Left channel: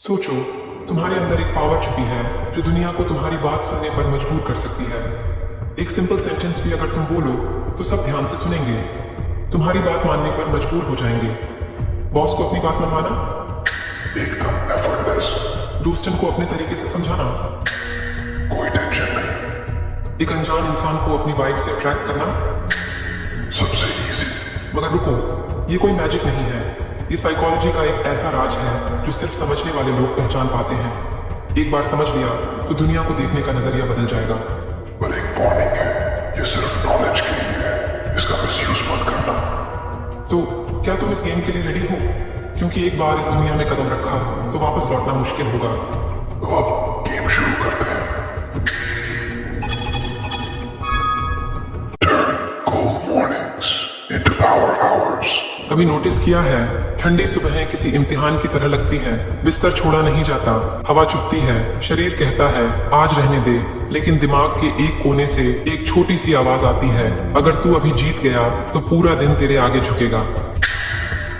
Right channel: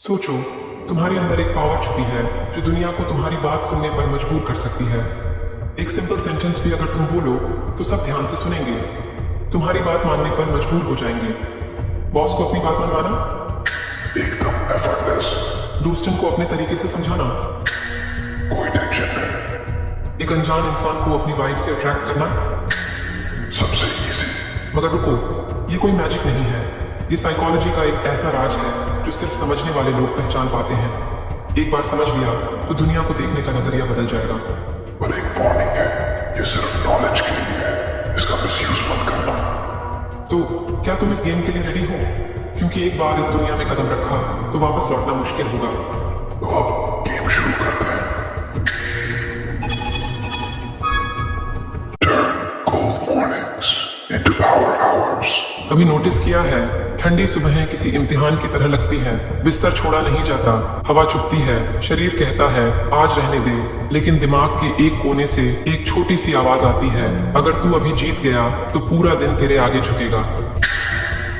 सोचो, तुम्हारे अंदर एक पावर छुपी है जो दुनिया को तुम्हारी बात सुनने पर मजबूर कर सकती है। एक सिंपल सेंटेंस भी अगर तुम बोलो तो सब ध्यान से सुनेंगे, तुम्हारी बात मानने पर मजबूर हो जाएंगे। बॉस को अपनी बात मनवाना, एकदम एफर्टलेस, दूसरों को अपने तरीके से समझाना, कोई टेंशन नहीं, एक अनजान इंसान को अपनी वाइब से अट्रैक्ट करना। सबसे इजी। मगर रुको, ये कोई मैजिक नहीं है, ये साइकोलॉजी का एक ऐसा राज है जो सिर्फ समझने वाले लोग पहचान पाते हैं। एक बार समझ लिया तो दुनिया को देखने का नजरिया बदल जाएगा। पर एक वार्निंग है, ये सिर्फ नॉलेज के लिए है, इसका मिसयूज मत करना। तो क्या तुम इस गेम के लिए रेडी हो? क्योंकि एक बार इस दुनिया में कदम रखा तो वापस लौटना मुश्किल होगा। तो अब गेम शुरू करते हैं। Turn cold mornings into power hours. कभी नोटिस किया है, ठंडी सुबह किसी इम्तिहान की तरह लगती है। बिस्तर छोड़ा नहीं जाता, हवा चुभती है, शरीर कहता है आज रहने दे, लेकिन दिमाग के एक कोने से एक छोटी सी आवाज आती है, अगर तू अभी जीत गया तो पूरा दिन तेरे आगे झुकेगा।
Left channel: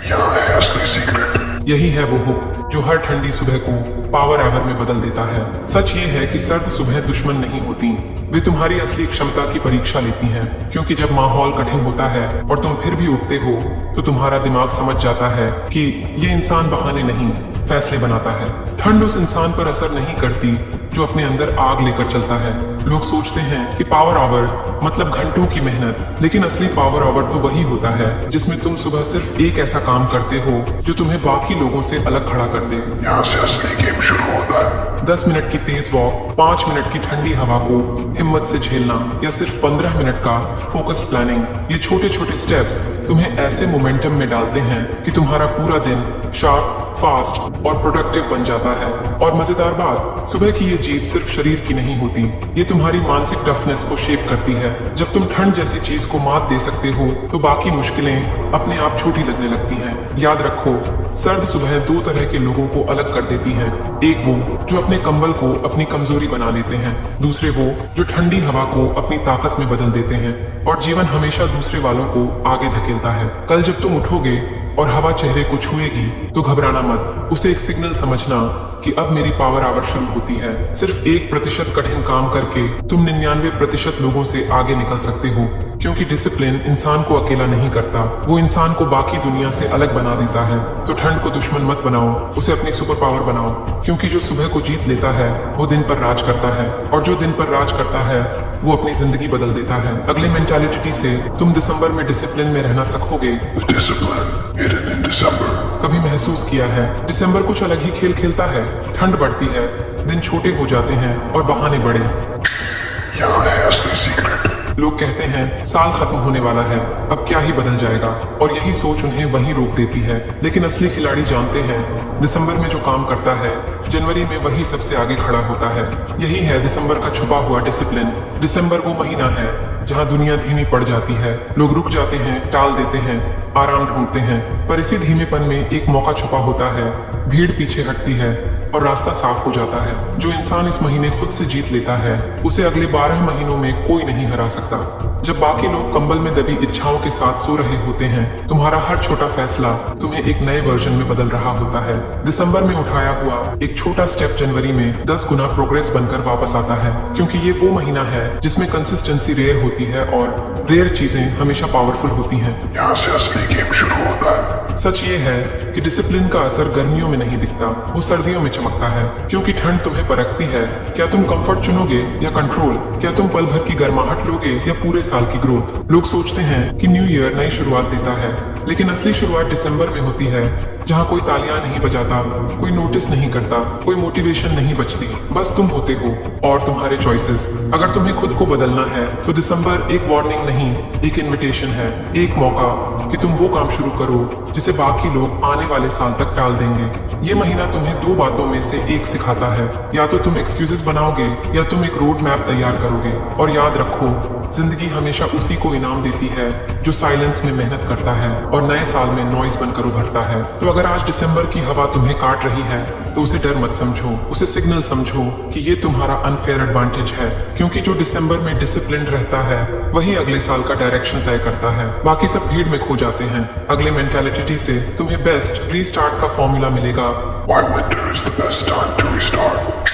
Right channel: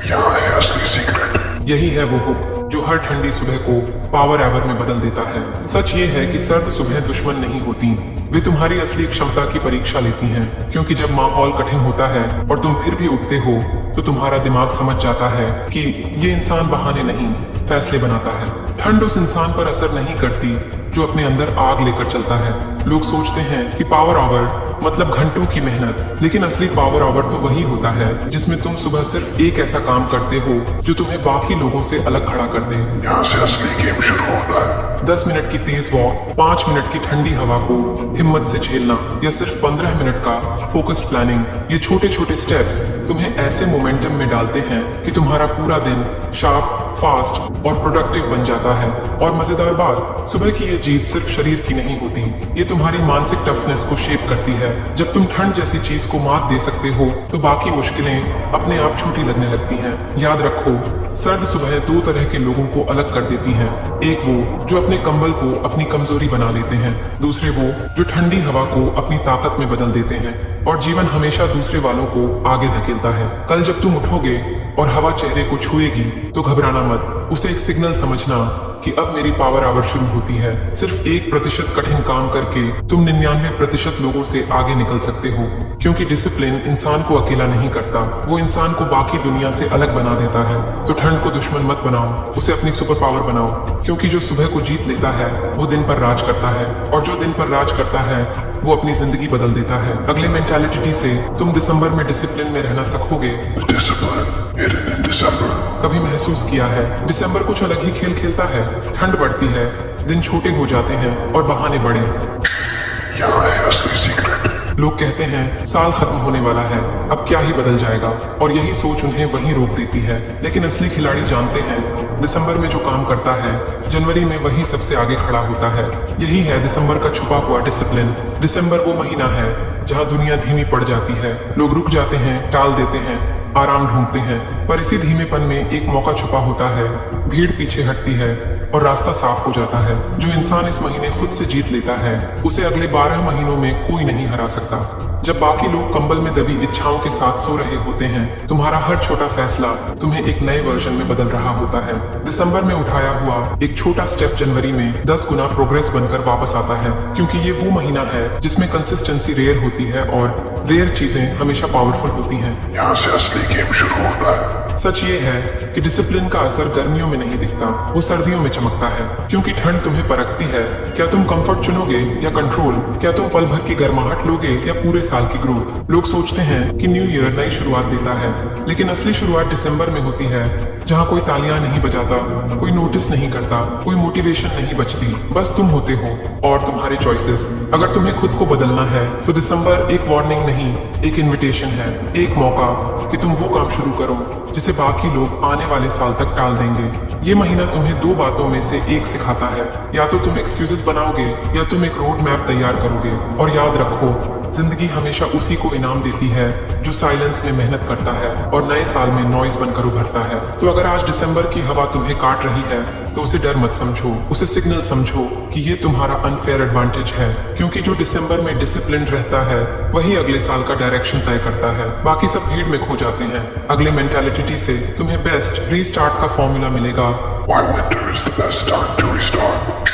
यहाँ है असली सीक्रेट। यही है वो बुक जो हर ठंडी सुबह को पावर आवर में बदल देता है। सच ये है कि सर्द सुबह दुश्मन नहीं होती, वे तुम्हारी असली क्षमता की परीक्षा लेती हैं। क्योंकि जब माहौल कठिन होता है और तुम फिर भी उठते हो तो तुम्हारा दिमाग समझ जाता है कि ये इंसान बहाने नहीं, फैसले बनाता है। ठंड उस इंसान पर असर नहीं करती जो अपने अंदर आग लेकर चलता है। लोग सोचते हैं कि पावर आवर मतलब घंटों की मेहनत, लेकिन असली पावर आवर तो वही होता है जिसमें तुम सुबह सिर्फ एक ऐसा काम करते हो जो तुम्हें बाकी लोगों से अलग खड़ा कर दे। यहाँ से असली गेम शुरू होता है। 10 मिनट की तेज वॉक, 5 मिनट की ठंडी हवा को हिम्मत से झेलना, या सिर्फ 15 मिनट का फोकस्ड प्लानिंग, ये छोटे छोटे स्टेप्स तुम्हें ऐसे मोमेंटम में डालते हैं कि तुम्हारा पूरा दिन शार्प, फास्ट और प्रोडक्टिव बन जाता है। और मजेदार बात, सुबह की ये जीत सिर्फ शरीर की नहीं होती, ये तुम्हारी मानसिक टफनेस को शेप करती है। जब तुम ठंड जैसी चीज को मात दे सकते हो तो बाकी मुश्किलें अपने आप छोटी लगने लगती हैं। याद रखो, सर्द सुबह दो तरह के लोगों को अलग कर देती है। एक वो जो अपने कंबल को अपनी कमजोरी बना लेते हैं, दूसरे वो जो ठंडी हवा को अपनी ताकत में बदल देते हैं। और जीवन हमेशा दूसरे वालों को आगे धकेलता है। कल जब तुम उठोगे और हवा चेहरे को छुएगी तो घबराना मत, उसे एक सिग्नल समझना कि अब मेरी पावर आवर शुरू होती है। सिर्फ 1% कठिन काम करके तुम 99% लोगों से आगे निकल सकते हो। क्योंकि डिसिप्लिन इंसान को अकेला नहीं करता, वो इंसान को बाकी दुनिया से अलग बना देता है। तो ठंड को दुश्मन मत बनाओ, उसे अपनी सुपर पावर बनाओ। क्योंकि जो सुबह को जीत लेता है वो दिन पर राज करता है, और जो दिन पर राज करता है वो अपनी जिंदगी बदल देता है। अगले मेंटालिटी से तुम दिसंबर में डिसिप्लिन में रहना सीखोगे। Discipline hidden in December. कभी महसूस किया है, दिसंबर कुछ अलग ही खेल खेलता है। ठंड बढ़ती है, दिन छोटे हो जाते हैं और बहाने बड़े। यहाँ है असली सीक्रेट। लोग कहते हैं साल खत्म होने वाला है, अब क्या ही बदल जाएगा, और यही सोच उन्हें वहीं रोक देती है। लेकिन असली खिलाड़ी जानते हैं दिसंबर में जो काम करता है जनवरी में वही सबसे आगे खड़ा होता है। यही है दिसंबर का छुपा हुआ डिसिप्लिन। दिसंबर वो महीना है जहाँ दुनिया धीमी पड़ जाती है, लोग रुक जाते हैं, टाल देते हैं, आराम ढूंढते हैं। पर इसी धीमेपन में एक मौका छुपा होता है, भीड़ पीछे हटती है और रास्ता साफ हो जाता है। जो इंसान इस महीने खुद से जीत लेता है उसे अगले 12 महीनों में कोई नहीं हरा सकता। जब बाकी लोग कंबल में दबी इच्छाओं के साथ सो रहे होते हैं, तुम्हारा हर छोटा फैसला तुम्हें एक नए वर्जन में बदल रहा होता है। दिसंबर में उठाया हुआ एक छोटा स्टेप जनवरी में 10 गुना प्रोग्रेस बनकर वापस आता है। क्योंकि ये वो महीना है जिसमें कंसिस्टेंसी रेयर होती है और रेयर चीजें हमेशा पावरफुल होती हैं। यहाँ से असली गेम शुरू होता है। सच ये है कि डिसिप्लिन का असर गर्मियों में नहीं दिखता, वो सर्दियों में चमकता है। क्योंकि ठंड तुम्हें परखती है, क्या तुम कंफर्ट चुनोगे या कंट्रोल, क्या तुम पल भर की गर्माहट लोगे या पूरे साल की ग्रोथ। लोग सोचते हैं कि न्यू ईयर नई शुरुआत देता है, लेकिन असली शुरुआत दिसंबर में होती है, जहाँ कोई तालियां नहीं बजाता, कोई नोटिस नहीं करता, कोई मोटिवेशन नहीं बचती, बस तुम होते हो और तुम्हारे चॉइसेस। अगर तुम्हें खुद को बदलना है तो दिसंबर एक वार्निंग नहीं, एक इन्विटेशन है, एक मौका कि तुम वो काम शुरू करो जिसे बाकी लोग आने वाले साल तक टाल देंगे। ये महीना तुम्हें दो बातों में से एक सिखाता है, या तो तुम एक्सक्यूजेस बनाओगे या तुम एक रोड मैप तैयार करोगे। और याद रखो, जिंदगी हमेशा उसी को इनाम देती है जो साइलेंस में मेहनत करता है और नए साल में नॉइज बनकर उभरता है। तो अगर आज दिसंबर की हवा तुम्हें काट रही है तो उसे डर मत समझो, उसे सिग्नल समझो कि ये तुम्हारा अनफेयर एडवांटेज है। क्योंकि जो दिसंबर में डिसिप्लिन रहता है वही अगले साल का डायरेक्शन तय करता है, बाकी सब भीड़ में खो जाते हैं। अगले मेंटालिटी से तुम्हें बेस्ट रीस्टार्ट का फॉर्मूला मिलेगा Why winter is the best time to restart.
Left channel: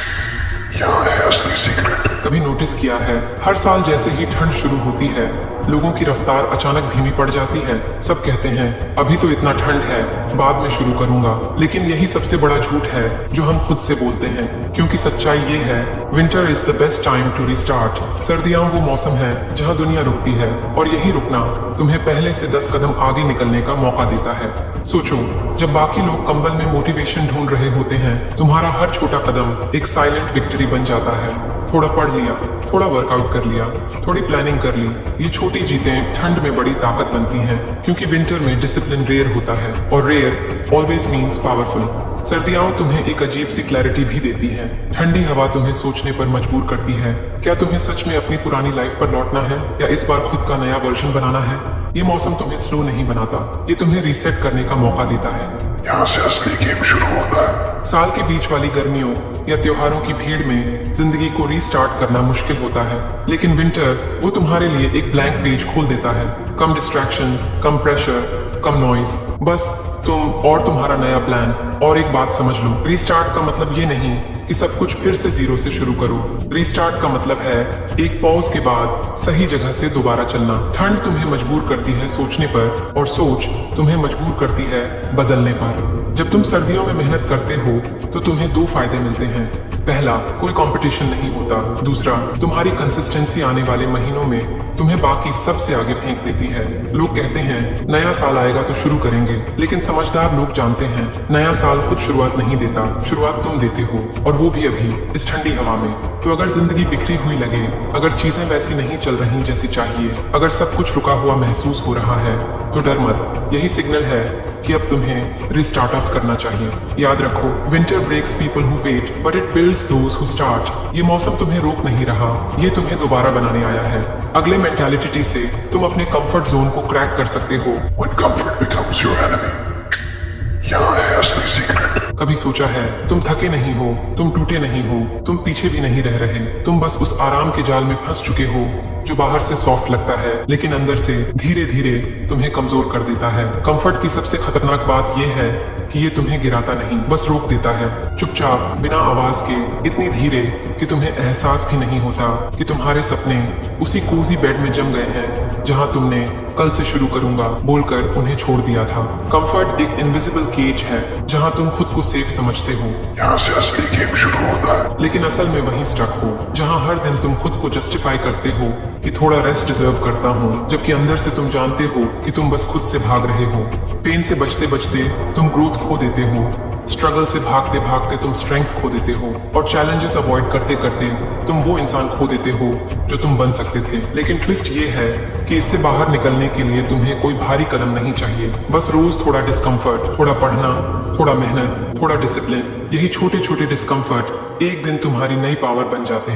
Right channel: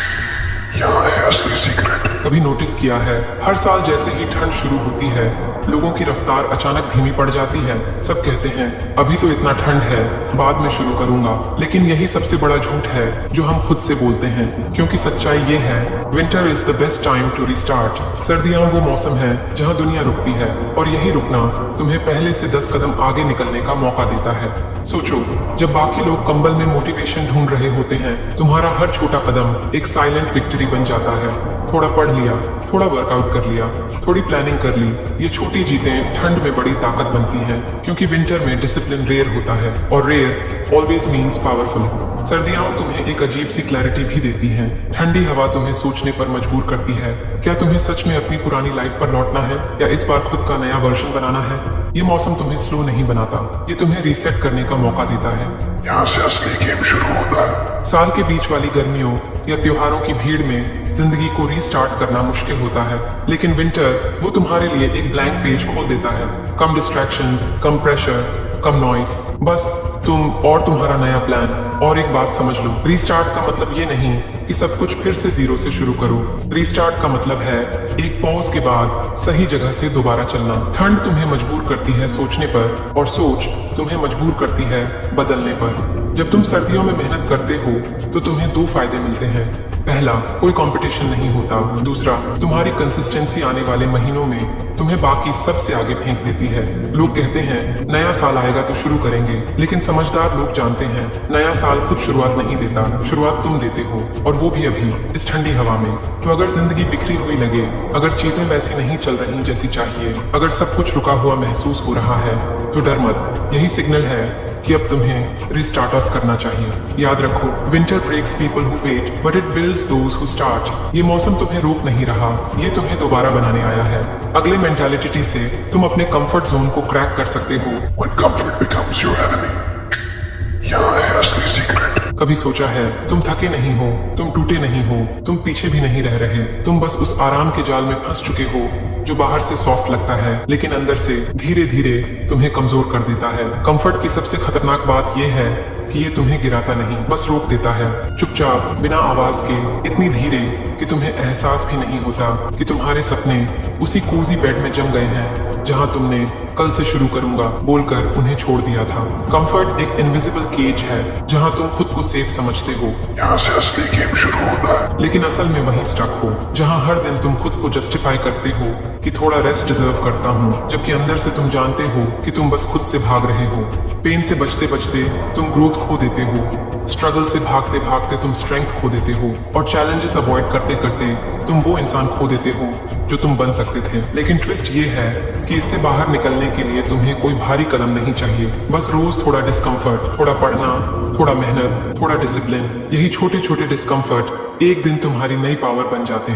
यहाँ है असली सीक्रेट। कभी नोटिस किया है, हर साल जैसे ही ठंड शुरू होती है, लोगों की रफ्तार अचानक धीमी पड़ जाती है। सब कहते हैं अभी तो इतना ठंड है, बाद में शुरू करूंगा। लेकिन यही सबसे बड़ा झूठ है जो हम खुद से बोलते हैं, क्योंकि सच्चाई ये है, winter is the best time to restart. सर्दियां वो मौसम है जहां दुनिया रुकती है, और यही रुकना तुम्हें पहले से 10 कदम आगे निकलने का मौका देता है। सोचो, जब बाकी लोग कंबल में मोटिवेशन ढूंढ रहे होते हैं, तुम्हारा हर छोटा कदम एक साइलेंट विक्ट्री बन जाता है। थोड़ा पढ़ लिया, थोड़ा वर्कआउट कर लिया, थोड़ी प्लानिंग कर ली, ये छोटी जीतें ठंड में बड़ी ताकत बनती हैं, क्योंकि विंटर में डिसिप्लिन रेयर होता है, और रेयर ऑलवेज मीन्स पावरफुल। सर्दियां तुम्हें एक अजीब सी क्लैरिटी भी देती हैं। ठंडी हवा तुम्हें सोचने पर मजबूर करती है, क्या तुम्हें सच में अपनी पुरानी लाइफ पर लौटना है, या इस बार खुद का नया वर्जन बनाना है। ये मौसम तुम्हें स्लो नहीं बनाता, ये तुम्हें रीसेट करने का मौका देता है। यहाँ से असली गेम शुरू होता है। साल के बीच वाली गर्मियों या त्योहारों की भीड़ में जिंदगी को रीस्टार्ट करना मुश्किल होता है, लेकिन विंटर वो तुम्हारे लिए एक ब्लैंक पेज खोल देता है। कम डिस्ट्रैक्शंस, कम प्रेशर, कम नॉइस, बस तुम और तुम्हारा नया प्लान। और एक बात समझ लो, रीस्टार्ट का मतलब ये नहीं कि सब कुछ फिर से जीरो से शुरू करो। रीस्टार्ट का मतलब है एक पॉज के बाद सही जगह से दोबारा चलना। ठंड तुम्हें मजबूर करती है सोचने पर, और सोच तुम्हें मजबूर करती है बदलने पर। जब तुम सर्दियों में मेहनत करते हो तो तुम्हें 2 फायदे मिलते हैं। पहला, कोई कंपटीशन नहीं होता। दूसरा, तुम्हारी कंसिस्टेंसी आने वाले महीनों में तुम्हें बाकी सबसे आगे फेंक देती है। लोग कहते हैं नया साल आएगा तो शुरू करेंगे, लेकिन समझदार लोग जानते हैं नया साल खुद शुरुआत नहीं देता, शुरुआत तुम देते हो, और वो भी अभी इस ठंडी हवा में। तो अगर जिंदगी बिखरी हुई लगे, अगर चीजें वैसी नहीं चल रही जैसी चाहिए, अगर सब कुछ रुका हुआ महसूस हो रहा है, तो डर मत। यही सिग्नल है कि अब तुम्हें रिस्टार्टर्स करना चाहिए। याद रखो, winter breaks people who wait but it builds those who start. ये मौसम तुम्हें रोक नहीं रहा, ये तुम्हें दोबारा बनाने आया है। अगले मेंटालिटी से तुम अपने कंफर्ट जोन को क्रैक कर सकते हो। When comfort becomes your enemy, यहाँ है असली सीक्रेट। कभी सोचा है तुम थके नहीं हो, तुम टूटे नहीं हो, तुम पीछे भी नहीं रह रहे, तुम बस उस आराम के जाल में फंस चुके हो जो बाहर से सॉफ्ट लगता है, लेकिन अंदर से धीरे धीरे तुम्हें कमजोर कर देता है। कंफर्ट की सबसे खतरनाक बात यह है कि ये तुम्हें गिराता नहीं, बस रोक देता है, चुपचाप, बिना आवाज के, इतनी धीरे कि तुम्हें एहसास भी नहीं होता कि तुम्हारे सपने उसी कोसी बेड में जम गए हैं जहां तुमने कल से शुरू करूंगा बोलकर उन्हें छोड़ दिया था। कंफर्ट एक इनविजिबल केज है जहां तुम खुद को सेफ समझते हो। यहाँ से असली गेम शुरू होता है। लेकिन असल में वहीं स्टक हो, जहां हर दिन तुम खुद को जस्टिफाई करते हो कि थोड़ा रेस्ट डिजर्व करता हूँ, जबकि अंदर से तुम जानते हो कि तुम बस खुद से भाग रहे हो। पेन से बचते बचते तुम ग्रोथ खो देते हो, स्ट्रगल से भागते भागते तुम स्ट्रेंथ खो देते हो, और चैलेंजेस अवॉइड करते करते तुम वो इंसान खो देते हो जो तुम बन सकते थे। लेकिन ट्विस्ट ये है कि इससे बाहर निकलने के लिए तुम्हें कोई भारी कदम नहीं चाहिए, बस रोज थोड़ा डिस्कम्फर्ट, थोड़ा पढ़ना, थोड़ा मेहनत, थोड़ा डिसिप्लिन। यही छोटे छोटे डिस्कम्फर्ट एक दिन तुम्हारी नई पावर बन जाते हैं।